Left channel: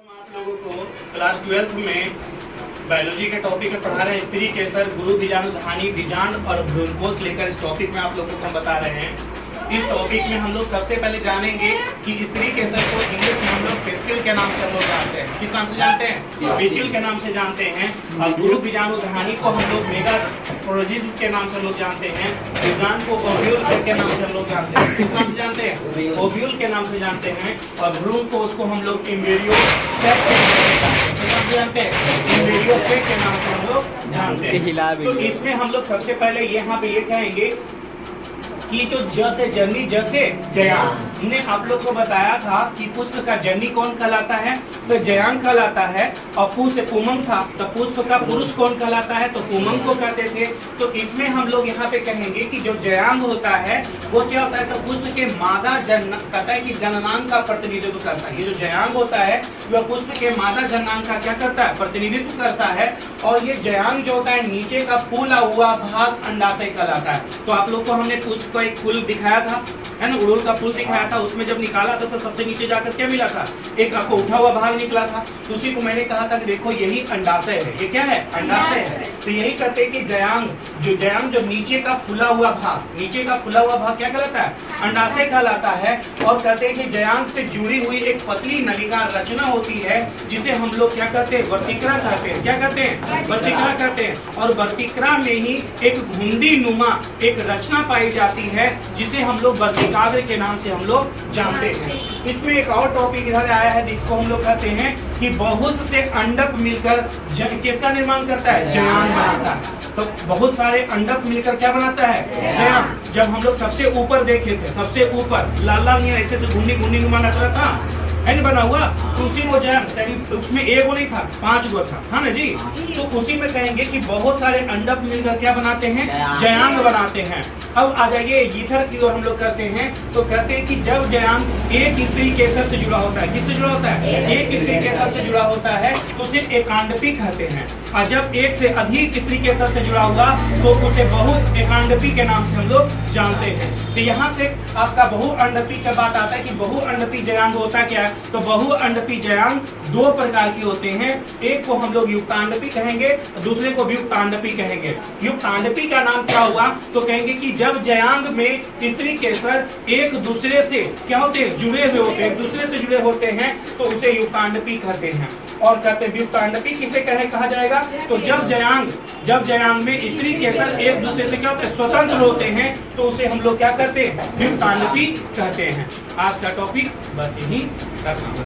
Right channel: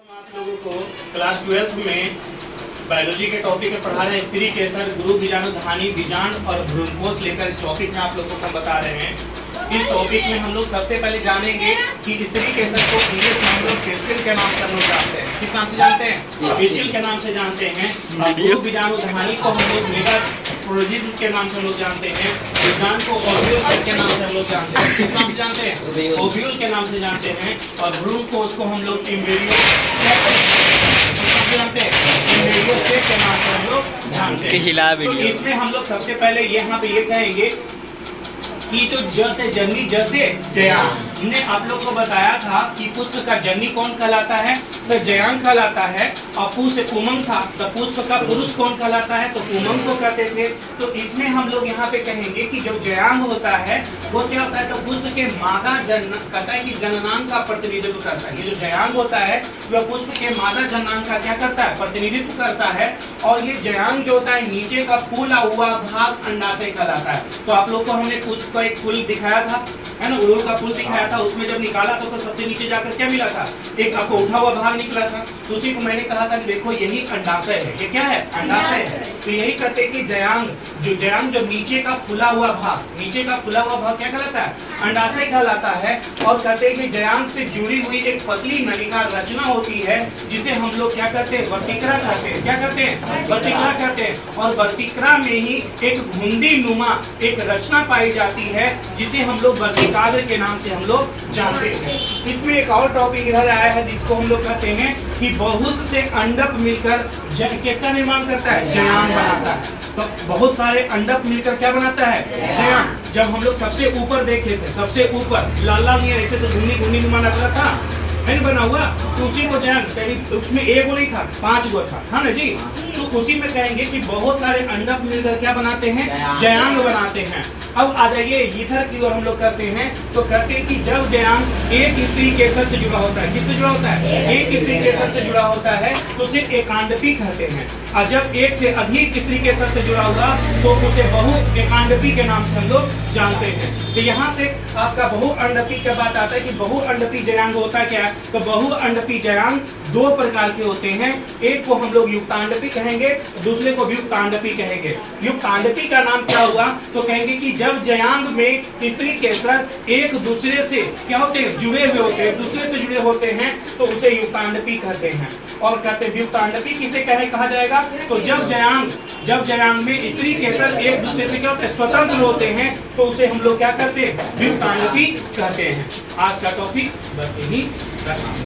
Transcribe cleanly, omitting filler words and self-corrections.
हम आप लोगों को क्लास 12th में बायोलॉजी के टॉपिक में पढ़ा रहे हैं स्त्री केसर गुरु बीजाणु धानी बीजांड और भ्रूणकोष लेकर इस टॉपिक में आप लोगों को हम बता रहे हैं। इस टॉपिक में हम लोग सबसे पहले जानेंगे कि स्त्री केसर को इंग्लिश में हम लोग पिस्टिल के नाम से हम लोग जानते हैं। किस नाम से जानते हैं? पिस्टिल के नाम से जानते हैं। और गुरु बीजाणु धानी को हम लोग मेगास्पोरोजिज्म के नाम से हम लोग जानते हैं। बीजांड को ओव्यूल के नाम से हम लोग जानते हैं। किस नाम से जानते हैं? ओव्यूल के नाम से जानते हैं। और भ्रूणकोष को हम लोग एम्ब्रियो सेक जानते हैं। एम्ब्रियो सेक के नाम से हम लोग जानते हैं। तो इसमें हम लोग सबसे पहले यहाँ पे ये कहेंगे कि जो ज से जननी ज से जयांग, हमने आप लोग को बताया था कि पुष्प का जननी कौन कहलाता है? तो जयांग कहलाता है। और पु से पुमंग था तो पुष्प का पुरुष कौन कहलाता है? तो पुमंग को कहते थे। तो इसमें हम लोग यहाँ पे कहेंगे कि जो जयांग होता है वो क्या होता है? तो पुष्प के मादा जन कहता है कि जननांग का प्रतिनिधित्व करता है। ये जो जयांग होता है वह पुष्प के मादा जननांग का क्या करता है? प्रतिनिधित्व करता है। और ये जयांग जो होता है नीचे का फूला हुआ भाग अंडाशय कहलाता है। तो आप लोग को हमने पुष्प एक फूल दिखाया था, है ना, उड़ूल का फूल दिखाया था। उसमें जब निकाला था तो सबसे नीचे जाकर क्या मिला था? एक आपको उठा हुआ भाग निकला था। तो उसी को मैंने कहा था कि देखो यही अंडाशय है। ये क्या है? अंडाशय है। तो यही कहते हैं कि जयांग जो नीचे का फूला हुआ भाग, नीचे का फूला हुआ भाग क्या कहलाता है? अंडाशय कहलाता है। और कहते हैं कि जयांग से जुड़ी हुई एक पतली नलिका रचना होती है जिसे हम लोग क्या कहते हैं? वर्तिका कहते हैं। क्या कहते हैं? वर्तिका कहते हैं। और वर्तिका में ही एक घुंडी नुमा एक रचना पाई जाती है जिसे हम लोग वर्तिकाग्र के नाम से हम लोग जानते हैं। इसमें एक और टॉपिक इधर आया है जिसको हम लोग कहते हैं कि बहुत से अंडक मिलकर किसका निर्माण करता है? जयांग बनाता है। तो बहुत सारे अंडक मिलकर क्या बनाता है? जयांग। जब हम लोग सबसे ऊपर देखे थे, सबसे ऊपर लाल लाल ऐसे से घुंडी नुमा नच रहा था, है ना, बना हुआ, तो उसी को जयांग, उसमें एक गो नहीं था, 5 गो था, हाँ ना जी। तो उसी में कहेंगे कि बहुत सारे अंडक मिलकर क्या बनाते हैं? जयांग बनाते हैं। अब आ जाइए ईथर की ओर हम लोग करते हैं। तो कहते हैं कि जब जयांग एक स्त्री केसर से जुड़ा होता है, किससे जुड़ा होता है? एक स्त्री केसर से जुड़ा होता है तो उसे एकांडपी कहते हैं। और जब एक से अधिक स्त्री केसर से जुड़ा होगा तो उसे बहु एकांडपी के नाम से हम लोग जानते हैं। तो यहाँ से आपका बहु अंडपी का बात आता है कि बहु अंडपी जयांग होता क्या है? तो बहु अंडपी जयांग 2 प्रकार के होते हैं। एक को हम लोग युक्तांडपी कहेंगे, दूसरे को युक्तांडपी कहेंगे। युक्तांडपी का नाम क्या हुआ? तो कहेंगे कि जब जयांग में स्त्री केसर एक दूसरे से क्या होते हैं? जुड़े हुए होते हैं, दूसरे से जुड़े होते हैं तो उसे युक्तांडपी कहते हैं। और कहते हैं युक्तांडपी किसे कहा जाएगा? तो जब जयांग में स्त्री केसर एक दूसरे से क्या होते हैं? स्वतंत्र होते हैं तो उसे हम लोग क्या कहते हैं? युक्तांडपी कहते हैं। आज का टॉपिक बस यही करना।